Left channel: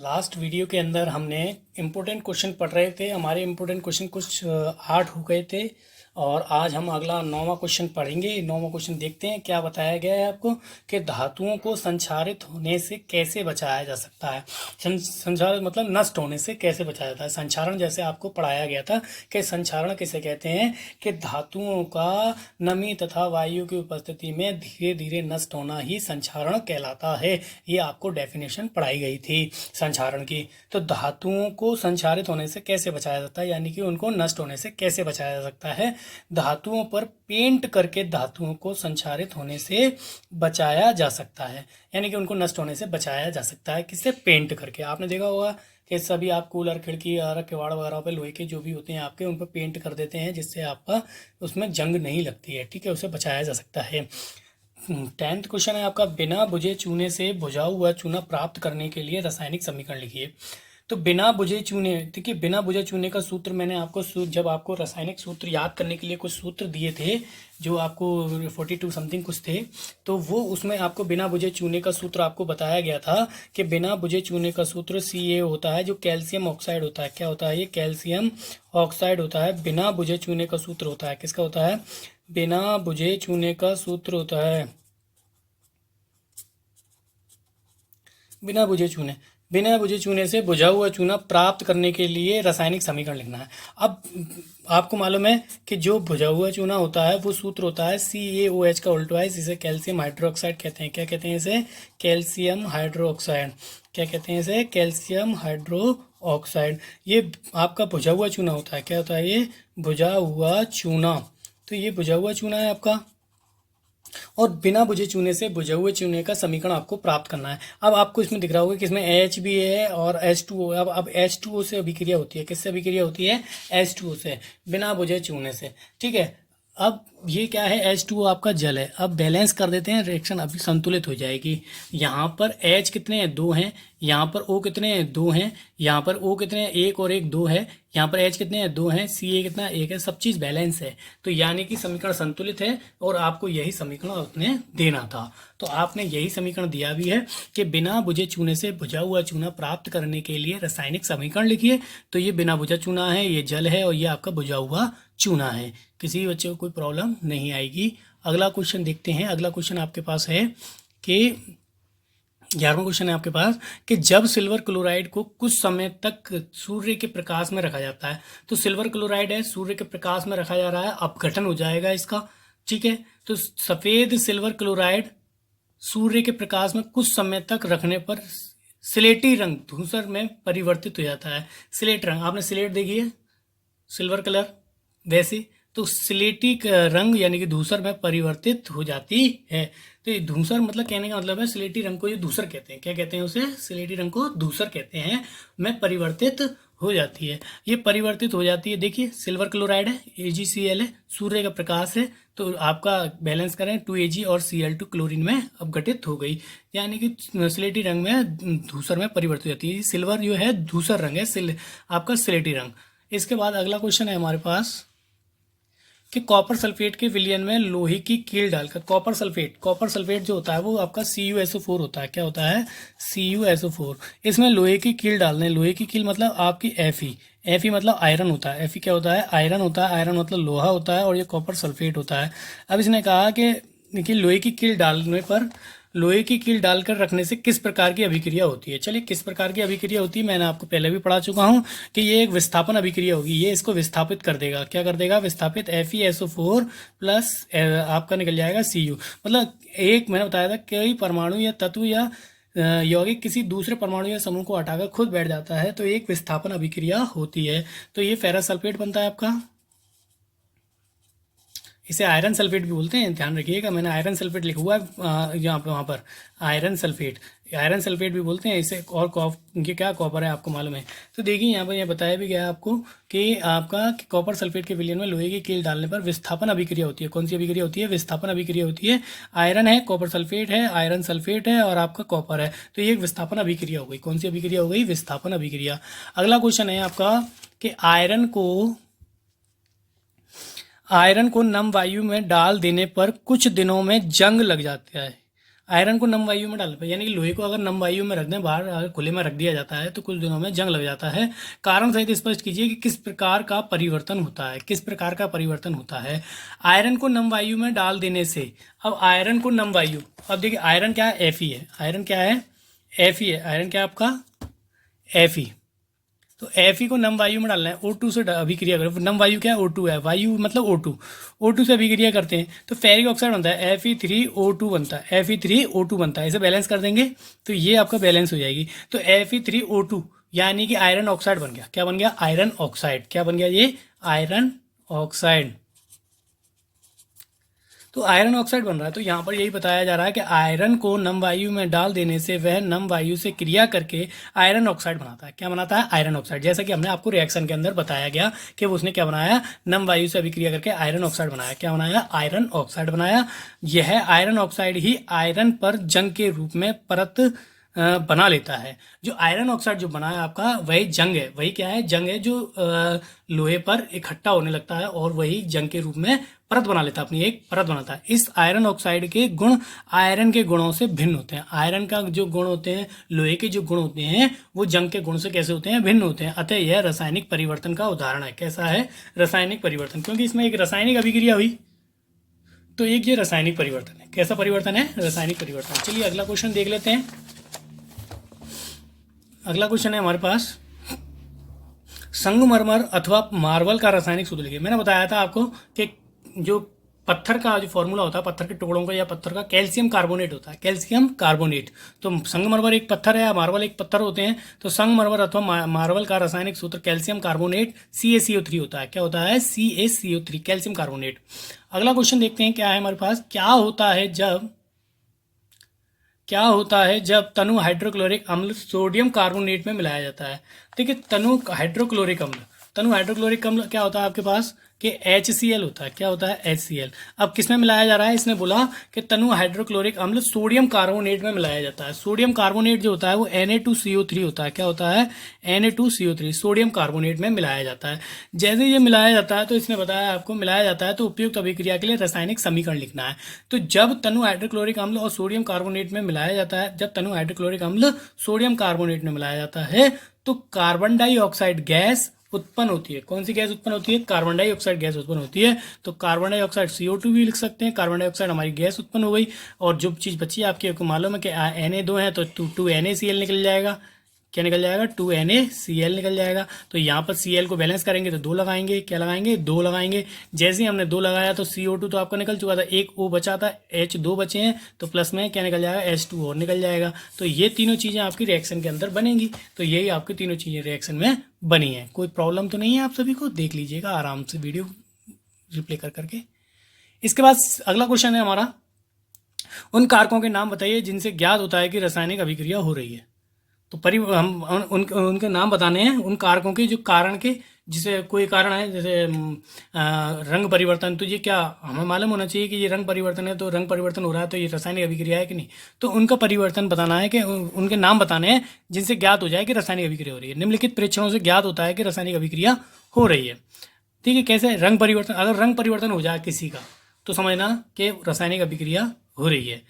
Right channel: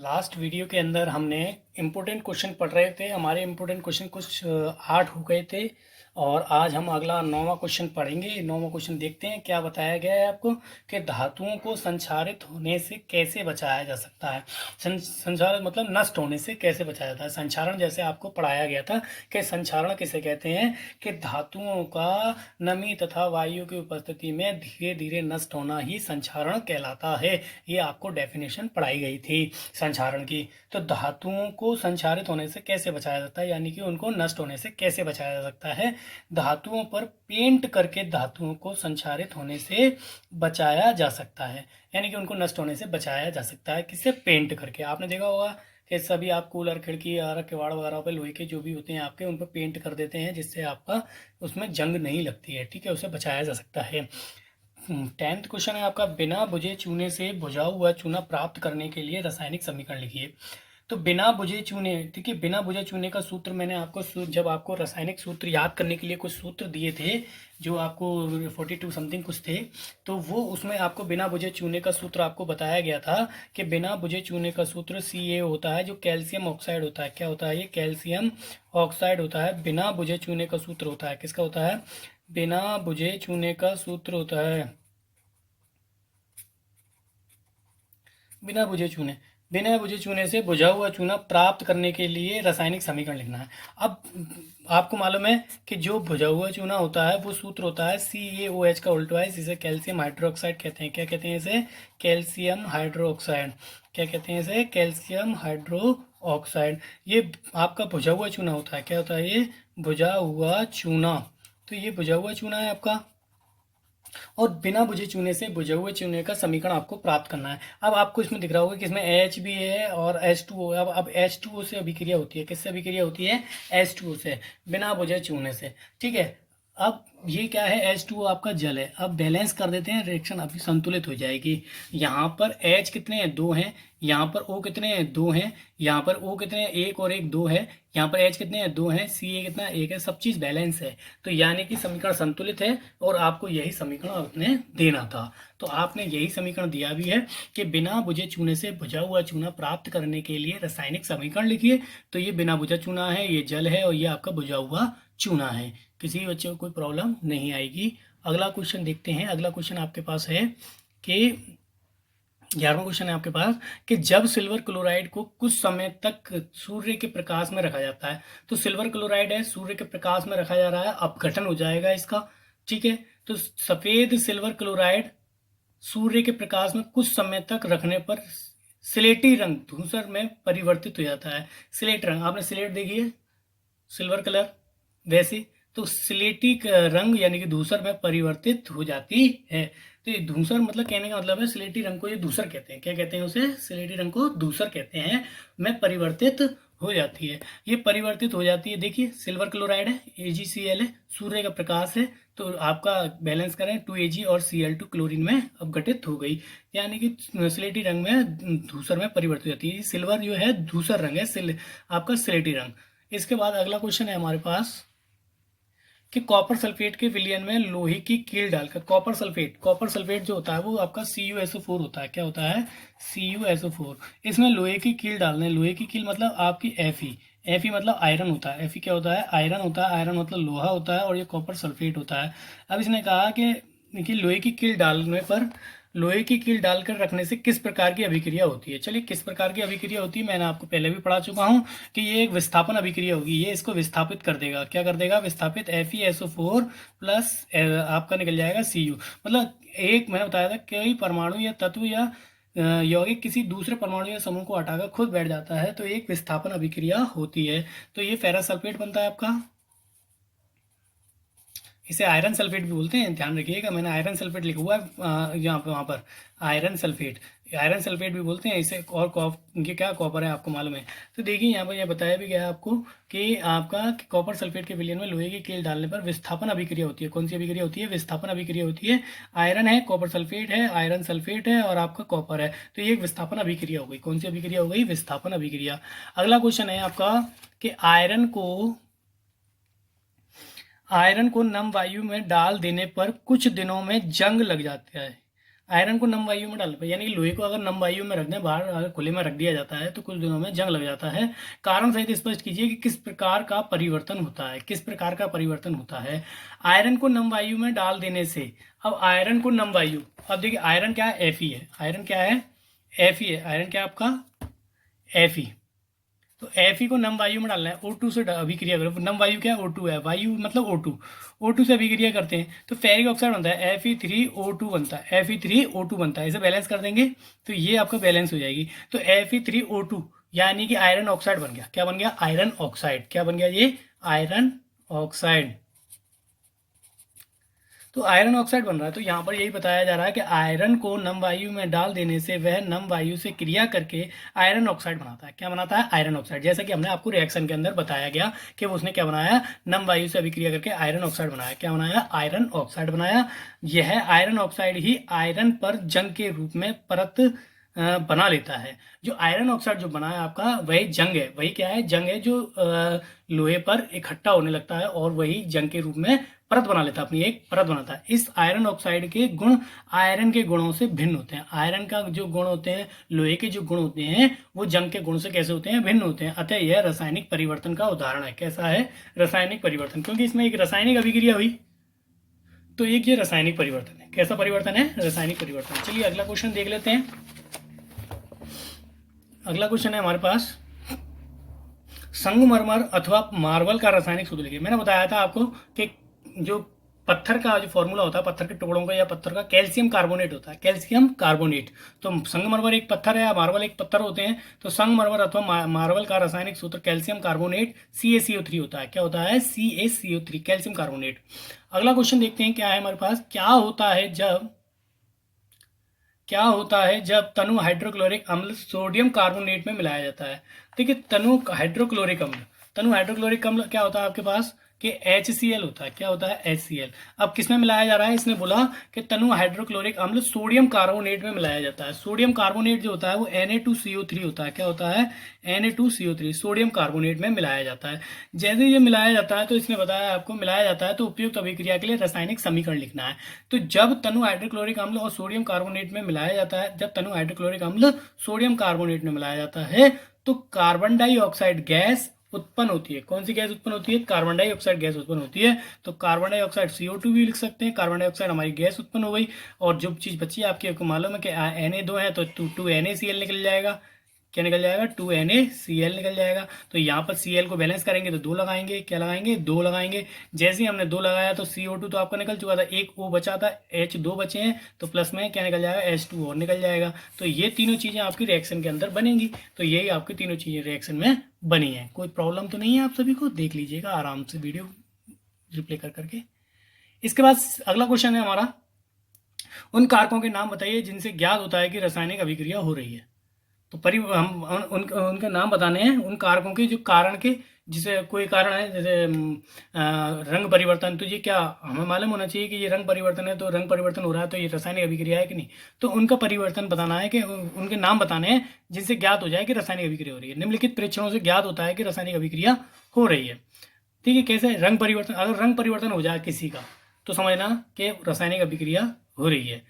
Last video के अंदर हमने इम्पोर्टेंट क्वेश्चन पढ़ रहे थे। हमारे इम्पोर्टेंट क्वेश्चन कुछ 8 हो गए थे और आज हम अगला 9वां क्वेश्चन पढ़ेंगे। 9वां क्वेश्चन देखते हैं क्या बताया गया है आपको कि धातुओं को संक्षारित होने से कैसे बचाया जा सकता है। संक्षारित मतलब नष्ट होने से कैसे बचाया जाता है। संक्षारण जैसे आपको पढ़ाया गया था कि संक्षारण किसे कहते हैं कि धातुओं का नमी तथा वायु की उपस्थिति में धीरे धीरे नष्ट होना ही संक्षारण कहलाता है। ये आपको डेफिनेशन पढ़ाई गई थी संक्षारण की। तो धातुओं को संक्षारित होने से कैसे बचाया जाता है, यानी कि उनको नष्ट होने से कैसे बचाया जा सकता है। धातुओं पर पेंट करके धातुओं को संक्षारित होने से बचाया जा सकता है, यानी कि उनको नष्ट होने से बचाया जा सकता है। किससे? पेंट करके। आपने देखा होगा कि सभी आप कूलर, खिड़की और किवाड़ वगैरह पे लोहे के जो भी होते हैं आपके, उन पर पेंट कर देते हैं जिससे आपका उसमें जंग नहीं लगती है। ठीक है, उसे बचाया जा सकता है। 10th क्वेश्चन है आपका, बिना बुझे चूने से बुझा हुआ चूना प्राप्त करने के लिए रासायनिक समीकरण लिखिए। तो बिना बुझे चूने, देखिए बिना बुझे चूने का सूत्र मैंने आपको जब आपको रासायनिक सूत्र याद करने के लिए कुछ सूत्र दिए थे जो आपको 42 समथिंग कुछ थे, तो वो उसमें आपको बिना बुझे चूने का सूत्र आपको बताया गया था कि बिना बुझे चूने का सूत्र Ca होता है जो कैल्शियम ऑक्साइड होता है। क्या होता है? ये कैल्शियम ऑक्साइड होता है। बिना बुझे चूने का सूत्र होता है, किसका होता है? बिना बुझे चूने का सूत्र होता है, बिना बुझे चूने से बुझा हुआ चूना प्राप्त करने के लिए रासायनिक समीकरण लिखना है। अब आपको मालूम है कि जो बुझा हुआ चूना होता है वो सूत्र होता है CaOH का उल्टा इसे कैल्शियम हाइड्रोक्साइड कहते हैं। क्या कहते हैं इसे? Calcium hydroxide. क्या कहते हैं इसे? Calcium hydroxide. ये आपका बुझा हुआ चूना होता है। क्या होता है? ये बुझा हुआ चूना। तो ये बुझा हुआ चूना है आपका, और बिना बुझे चूने से बुझे हुए चूने का समीकरण आपको प्राप्त करना है। अब आपको इसमें दिख रहा होगा कि इसमें H भी है और H2O। अब H2O से अभिक्रिया होती है। किससे अभिक्रिया होती है? H2O से, बिना बुझे चूने से। ठीक है, अब ये क्या है? H2O आपका जल है। अब बैलेंस कर देते हैं, रिएक्शन अभी संतुलित हो जाएगी। यहाँ पर H कितने हैं? 2 हैं। यहाँ पर O कितने हैं? 2 हैं। यहाँ पर O कितने हैं? 1 और 1 2 है। यहाँ पर H कितने हैं? 2 हैं। Ca कितना? 1 है। सब चीज़ बैलेंस है, तो यानी कि समीकरण संतुलित है और आपको यही समीकरण आपने देना था। तो आपने यही समीकरण दिया भी है कि बिना बुझे चूने से बुझा हुआ चूना प्राप्त करने के लिए रासायनिक समीकरण लिखिए। तो ये बिना बुझा चूना है, ये जल है और ये आपका बुझा हुआ चूना है। किसी बच्चे को कोई प्रॉब्लम नहीं आएगी। अगला क्वेश्चन देखते हैं। अगला क्वेश्चन आपके पास है कि 11वां क्वेश्चन है आपके पास कि जब सिल्वर क्लोराइड को कुछ समय तक सूर्य के प्रकाश में रखा जाता है, तो सिल्वर क्लोराइड है, सूर्य के प्रकाश में रखा जा रहा है, अपघटन हो जाएगा इसका। ठीक है, तो सफेद सिल्वर क्लोराइड सूर्य के प्रकाश में कुछ समय तक रखने पर स्लेटी रंग धूसर में परिवर्तित हो जाता है। स्लेट रंग, आपने स्लेट देखी है, सिल्वर कलर, वैसे तो स्लेटी रंग यानी कि धूसर में परिवर्तित हो जाती है। तो ये धूसर मतलब, कहने का मतलब है स्लेटी रंग को ये धूसर कहते हैं। क्या कहते हैं उसे? स्लेटी रंग को धूसर कहते हैं, में परिवर्तित हो जाती है। ये परिवर्तित हो जाती है। देखिए सिल्वर क्लोराइड है, AgCl है, सूर्य का प्रकाश है, तो आपका बैलेंस करें 2Ag और Cl2 क्लोरीन में अपघटित हो गई, यानी कि स्लेटी रंग में धूसर में परिवर्तित हो जाती है। सिल्वर जो है धूसर रंग है, आपका स्लेटी रंग। इसके बाद अगला क्वेश्चन है हमारे पास कि कॉपर सल्फेट के विलयन में लोहे की कील डालकर, कॉपर सल्फेट जो होता है वो आपका CuSO4 होता है। क्या होता है? CuSO4। इसमें लोहे की कील डालना है। लोहे की कील मतलब आपकी Fe मतलब आयरन होता है। Fe क्या होता है? आयरन होता है। आयरन मतलब लोहा होता है और ये कॉपर सल्फेट होता है। अब इसने कहा कि लोहे की कील डालने पर, लोहे की कील डालकर रखने से किस प्रकार की अभिक्रिया होती है। चलिए, किस प्रकार की अभिक्रिया होती है मैंने आपको पहले भी पढ़ा चुका हूं कि ये एक विस्थापन अभिक्रिया होगी। ये इसको विस्थापित कर देगा। क्या कर देगा? विस्थापित। FeSO4 प्लस आपका निकल जाएगा Cu। मतलब एक मैंने बताया था, कई परमाणु या तत्व या यौगिक किसी दूसरे परमाणु या समूह को हटाकर खुद बैठ जाता है, तो एक विस्थापन अभिक्रिया होती है। तो ये फेरस सल्फेट बनता है आपका। इसे आयरन सल्फेट भी बोलते हैं, ध्यान रखिएगा, मैंने आयरन सल्फेट लिखा हुआ है यहाँ पे, वहाँ पर आयरन सल्फेट भी बोलते हैं इसे। और ये क्या? कॉपर है, आपको मालूम है। तो देखिए यहाँ पर यह बताया भी गया है आपको कि आपका कॉपर सल्फेट के विलयन में लोहे की कील डालने पर विस्थापन अभिक्रिया होती है। कौन सी अभिक्रिया होती है? विस्थापन अभिक्रिया होती है। आयरन है, कॉपर सल्फेट है, आयरन सल्फेट है और आपका कॉपर है, तो ये एक विस्थापन अभिक्रिया हो गई। कौन सी अभिक्रिया हो गई? विस्थापन अभिक्रिया। अगला क्वेश्चन है आपका कि आयरन को नम वायु में डाल देने पर कुछ दिनों में जंग लग जाता है। आयरन को नम वायु में डाल, यानी कि लोहे को अगर नम वायु में रख दें, बाहर अगर खुले में रख दिया जाता है तो कुछ दिनों में जंग लग जाता है। कारण सहित स्पष्ट कीजिए कि किस प्रकार का परिवर्तन होता है, किस प्रकार का परिवर्तन होता है आयरन को नम वायु में डाल देने से। अब आयरन को नम वायु, अब देखिए आयरन क्या है, Fe है। आयरन क्या है, Fe है। आयरन क्या है आपका, Fe। तो Fe को नम वायु में डालना है, O2 से अभिक्रिया करें। नम वायु क्या है, O2 है, वायु मतलब O2, O2 से अभिक्रिया करते हैं तो फेरिक ऑक्साइड बनता है, Fe3O2 बनता है, Fe3O2 बनता है। इसे बैलेंस कर देंगे तो ये आपका बैलेंस हो जाएगी। तो Fe3O2 यानी कि आयरन ऑक्साइड बन गया। क्या बन गया, आयरन ऑक्साइड। क्या बन गया ये, आयरन ऑक्साइड। तो आयरन ऑक्साइड बन रहा है। तो यहाँ पर यही बताया जा रहा है कि आयरन को नम वायु में डाल देने से वह नम वायु से क्रिया करके आयरन ऑक्साइड बनाता है। क्या बनाता है, आयरन ऑक्साइड। जैसा कि हमने आपको रिएक्शन के अंदर बताया गया कि उसने क्या बनाया, नम वायु से अभिक्रिया करके आयरन ऑक्साइड बनाया। क्या बनाया, आयरन ऑक्साइड बनाया। यह आयरन ऑक्साइड ही आयरन पर जंग के रूप में परत बना लेता है। जो आयरन ऑक्साइड जो बना है आपका, वही जंग है। वही क्या है, जंग है, जो लोहे पर इकट्ठा होने लगता है और वही जंग के रूप में परत बना लेता है, अपनी एक परत बनाता है। इस आयरन ऑक्साइड के गुण आयरन के गुणों से भिन्न होते हैं। आयरन का जो गुण होते हैं, लोहे के जो गुण होते हैं, वो जंग के गुण से कैसे होते हैं, भिन्न होते हैं। अतः यह रासायनिक परिवर्तन का उदाहरण है। कैसा है, रासायनिक परिवर्तन, क्योंकि इसमें एक रासायनिक अभिक्रिया हुई, तो एक ये रासायनिक परिवर्तन है। कैसा परिवर्तन है, रासायनिक परिवर्तन। चलिए अगला क्वेश्चन देख लेते हैं। अगला क्वेश्चन है हमारे पास, संगमरमर अथवा मार्बल का रासायनिक सूत्र लिखिए। मैंने बताया था आपको कि जो पत्थर का जो फॉर्मूला होता है, पत्थर के टुकड़ों का या पत्थर का, कैल्शियम कार्बोनेट होता है, कैल्शियम कार्बोनेट। तो संगमरमर एक पत्थर है या मार्बल एक पत्थर होते हैं। तो संगमरमर अथवा मार्बल का रासायनिक सूत्र कैल्शियम कार्बोनेट CaCO3 होता है। क्या होता है, CaCO3, कैल्शियम कार्बोनेट। अगला क्वेश्चन देखते हैं क्या है हमारे पास, क्या होता है जब तनु हाइड्रोक्लोरिक अम्ल सोडियम कार्बोनेट में मिलाया जाता है। देखिए तनु हाइड्रोक्लोरिक अम्ल क्या होता है आपके पास, कि HCl होता है। क्या होता है, HCl। अब किस में मिलाया जा रहा है, इसने बोला कि तनु हाइड्रोक्लोरिक अम्ल सोडियम कार्बोनेट में मिलाया जाता है। सोडियम कार्बोनेट जो होता है वो Na2CO3 होता है। क्या होता है, Na2CO3, सोडियम कार्बोनेट में मिलाया जाता है। जैसे ये मिलाया जाता है तो इसने बताया आपको, मिलाया जाता है तो उपयुक्त अभिक्रिया के लिए रासायनिक समीकरण लिखना है। तो जब तनु हाइड्रोक्लोरिक अम्ल और सोडियम कार्बोनेट में मिलाया जाता है, जब तनु हाइड्रोक्लोरिक अम्ल सोडियम कार्बोनेट में मिलाया जाता है तो कार्बन डाइऑक्साइड गैस उत्पन्न होती है। कौन सी गैस उत्पन्न होती है, कार्बन डाइऑक्साइड गैस उत्पन्न होती है। तो कार्बन डाइऑक्साइड CO2 भी लिख सकते हैं। कार्बन डाइऑक्साइड हमारी गैस उत्पन्न हो गई। और जो चीज़ बची आपको मालूम है कि Na2 है तो 2NaCl निकल जाएगा। क्या निकल जाएगा, 2NaCl निकल जाएगा। तो यहाँ पर Cl को बैलेंस करेंगे तो 2 लगाएंगे। क्या लगाएंगे, 2 लगाएंगे। जैसे ही हमने 2 लगाया तो CO2 तो आपका निकल चुका था, एक O बचा था, H2 बचे हैं, तो प्लस में क्या निकल जाएगा, H2 और निकल जाएगा। तो ये तीनों चीज़ें आपकी रिएक्शन के अंदर बनेंगी। तो यही आपकी तीनों चीज़ें रिएक्शन में बनी है। कोई प्रॉब्लम तो नहीं है, आप सभी को देख लीजिएगा आराम से वीडियो रिप्ले कर करके। इसके बाद अगला क्वेश्चन है हमारा, उन कारकों के नाम बताइए जिनसे ज्ञात होता है कि रासायनिक अभिक्रिया हो रही है। तो हम उनके नाम बताने हैं, उन कारकों के जो कारण के, जिसे कोई कारण है, जैसे रंग परिवर्तन। तो ये क्या हमें मालूम होना चाहिए कि ये रंग परिवर्तन है, तो रंग परिवर्तन हो रहा है तो ये रासायनिक अभिक्रिया है कि नहीं। तो उनका परिवर्तन बताना है कि उनके नाम बताने हैं जिनसे ज्ञात हो जाए कि रासायनिक अभिक्रिया हो रही है। निम्नलिखित परीक्षणों से ज्ञात होता है कि रासायनिक अभिक्रिया हो रही है। ठीक है, कैसे, रंग परिवर्तन। अगर रंग परिवर्तन हो जाए किसी का तो समझना कि रासायनिक अभिक्रिया हो रही है।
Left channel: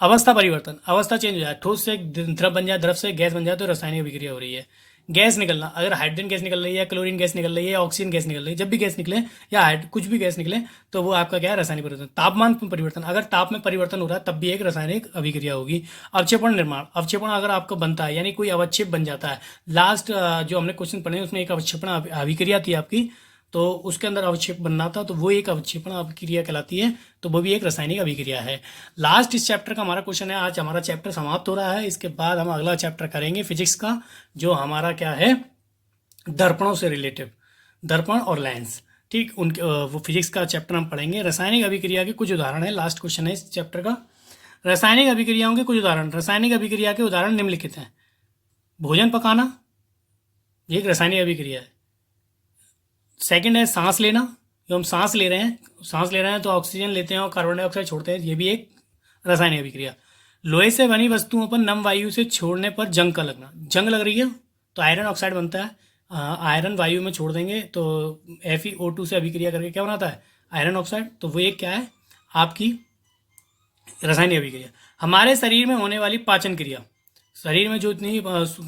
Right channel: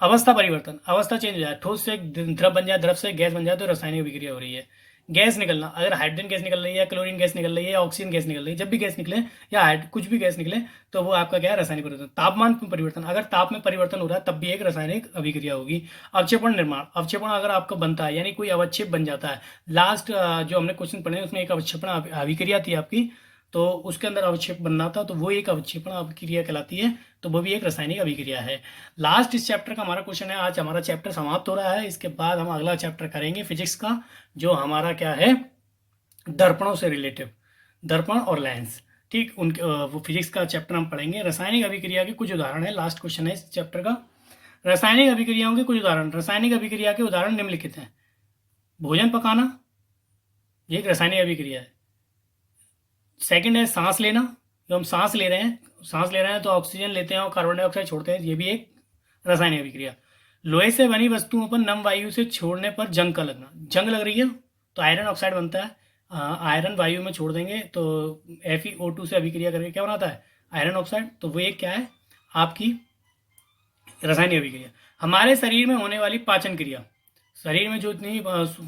अवस्था परिवर्तन, अवस्था चेंज हो जाए, ठोस से द्रव बन जाए, द्रव से गैस बन जाए, तो रासायनिक अभिक्रिया हो रही है। गैस निकलना, अगर हाइड्रोजन गैस निकल रही है, क्लोरीन गैस निकल रही है, या ऑक्सीजन गैस निकल रही है, जब भी गैस निकले या कुछ भी गैस निकले तो वो आपका क्या है, रासायनिक परिवर्तन। तापमान में परिवर्तन, अगर ताप में परिवर्तन हो रहा है तब भी एक रासायनिक अभिक्रिया होगी। अवक्षेपण निर्माण, अवक्षेपण अगर आपका बनता है यानी कोई अवक्षेप बन जाता है। लास्ट जो हमने क्वेश्चन पढ़े उसमें एक अवक्षेपण अभिक्रिया थी आपकी, तो उसके अंदर अवक्षेप बनना था, तो वो एक अवक्षेपण अभिक्रिया कहलाती है, तो वो भी एक रासायनिक अभिक्रिया है। लास्ट इस चैप्टर का हमारा क्वेश्चन है। आज हमारा चैप्टर समाप्त हो रहा है, इसके बाद हम अगला चैप्टर करेंगे फिजिक्स का, जो हमारा क्या है, दर्पणों से रिलेटिव, दर्पण और लेंस। ठीक, उनके वो फिजिक्स का चैप्टर हम पढ़ेंगे। रासायनिक अभिक्रिया के कुछ उदाहरण है, लास्ट क्वेश्चन है इस चैप्टर का। रासायनिक अभिक्रियाओं के कुछ उदाहरण, रासायनिक अभिक्रिया के उदाहरण निम्नलिखित हैं। भोजन पकाना, ये एक रासायनिक अभिक्रिया है। सेकंड है सांस लेना, जो हम सांस ले रहे हैं तो ऑक्सीजन लेते हैं और कार्बन डाइऑक्साइड छोड़ते हैं, ये भी एक रासायनिक अभिक्रिया। लोहे से बनी वस्तुओं पर नम वायु से छोड़ने पर जंग का लगना, जंग लग रही है तो आयरन ऑक्साइड बनता है। आयरन वायु में छोड़ देंगे तो FeO2 से अभिक्रिया करके क्या बनाता है, आयरन ऑक्साइड। तो वो एक क्या है, आपकी रासायनिक अभिक्रिया। हमारे शरीर में होने वाली पाचन क्रिया, शरीर में जो इतनी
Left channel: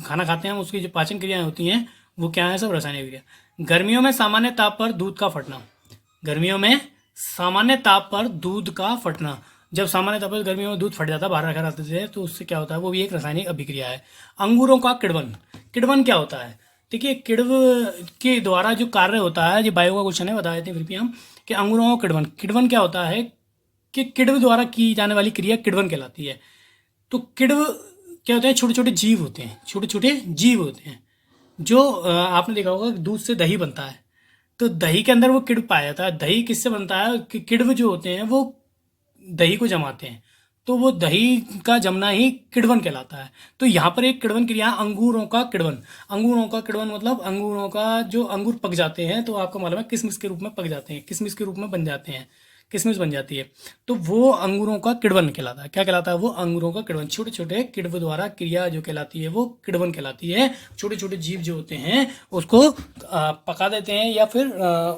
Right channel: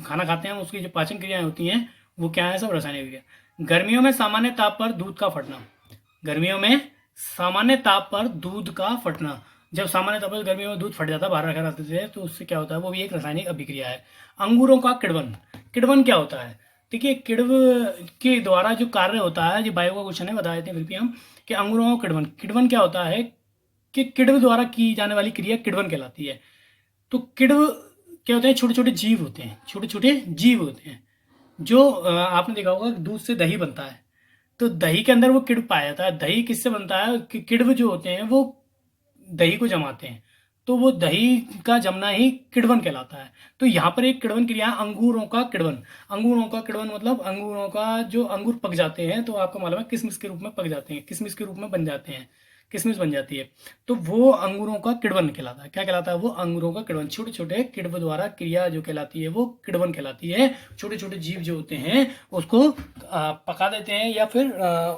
खाना खाते हैं उसकी जो पाचन क्रियाएं होती हैं वो क्या है, सब रासायनिक क्रिया। गर्मियों में सामान्य ताप पर दूध का फटना, गर्मियों में सामान्य ताप पर दूध का फटना, जब सामान्य ताप पर गर्मियों में दूध फट जाता है बाहर रखा रहते थे तो उससे क्या होता है, वो भी एक रासायनिक अभिक्रिया है। अंगूरों का किण्वन, किण्वन क्या होता है? देखिए किण्व के द्वारा जो कार्य होता है, जो बायो का क्वेश्चन है, बताए थे फिर भी हम कि अंगूरों का किण्वन, किण्वन क्या होता है कि किण्व द्वारा की जाने वाली क्रिया किण्वन कहलाती है। तो किण्व क्या होते हैं, छोटे छोटे जीव होते हैं, छोटे छोटे जीव होते हैं जो आपने देखा होगा दूध से दही बनता है, तो दही के अंदर वो किण्व पाया जाता है। दही किससे बनता है कि किण्व जो होते हैं वो दही को जमाते हैं, तो वो दही का जमना ही किण्वन कहलाता है। तो यहाँ पर एक किण्वन क्रिया है, अंगूरों का किण्वन। अंगूरों का किण्वन मतलब अंगूरों का जो अंगूर पक जाते हैं तो आपको मालूम है किशमिश के रूप में पक जाते हैं, किशमिश के रूप में बन जाते हैं, किशमिश बन जाती है, तो वो अंगूरों का किण्वन कहलाता है। क्या कहलाता है? वो अंगूरों का किण्वन, छोटे छोटे किण्व द्वारा क्रिया जो कहलाती है वो किण्वन कहलाती है। छोटे छोटे जीव जो होते हैं उसको पका देते हैं या फिर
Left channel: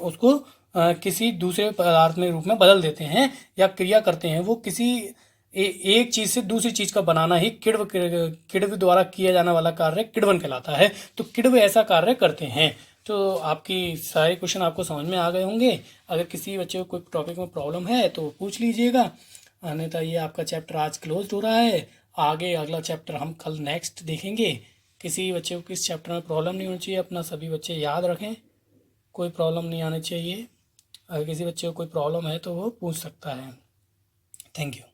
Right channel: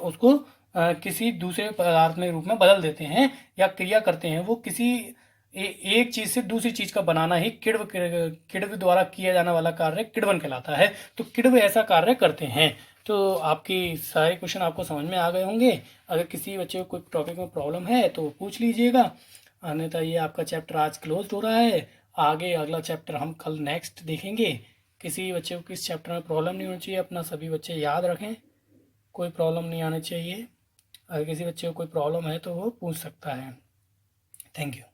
उसको किसी दूसरे पदार्थ में रूप में बदल देते हैं या क्रिया करते हैं। वो किसी एक चीज से दूसरी चीज का बनाना ही किण्व, किण्व द्वारा किया जाने वाला कार्य किण्वन कहलाता है। तो किण्व ऐसा कार्य करते हैं। तो आपकी सारे क्वेश्चन आपको समझ में आ गए होंगे। अगर किसी बच्चे को कोई टॉपिक में प्रॉब्लम है तो पूछ लीजिएगा, अन्यथा ये आपका चैप्टर आज क्लोज हो रहा है। आगे अगला चैप्टर हम कल नेक्स्ट देखेंगे। किसी बच्चे को किस चैप्टर में प्रॉब्लम नहीं होनी चाहिए, अपना सभी बच्चे याद रखें, कोई प्रॉब्लम नहीं आनी चाहिए। अगर किसी बच्चे को कोई प्रॉब्लम है तो वो पूछ सकता है। Thank you.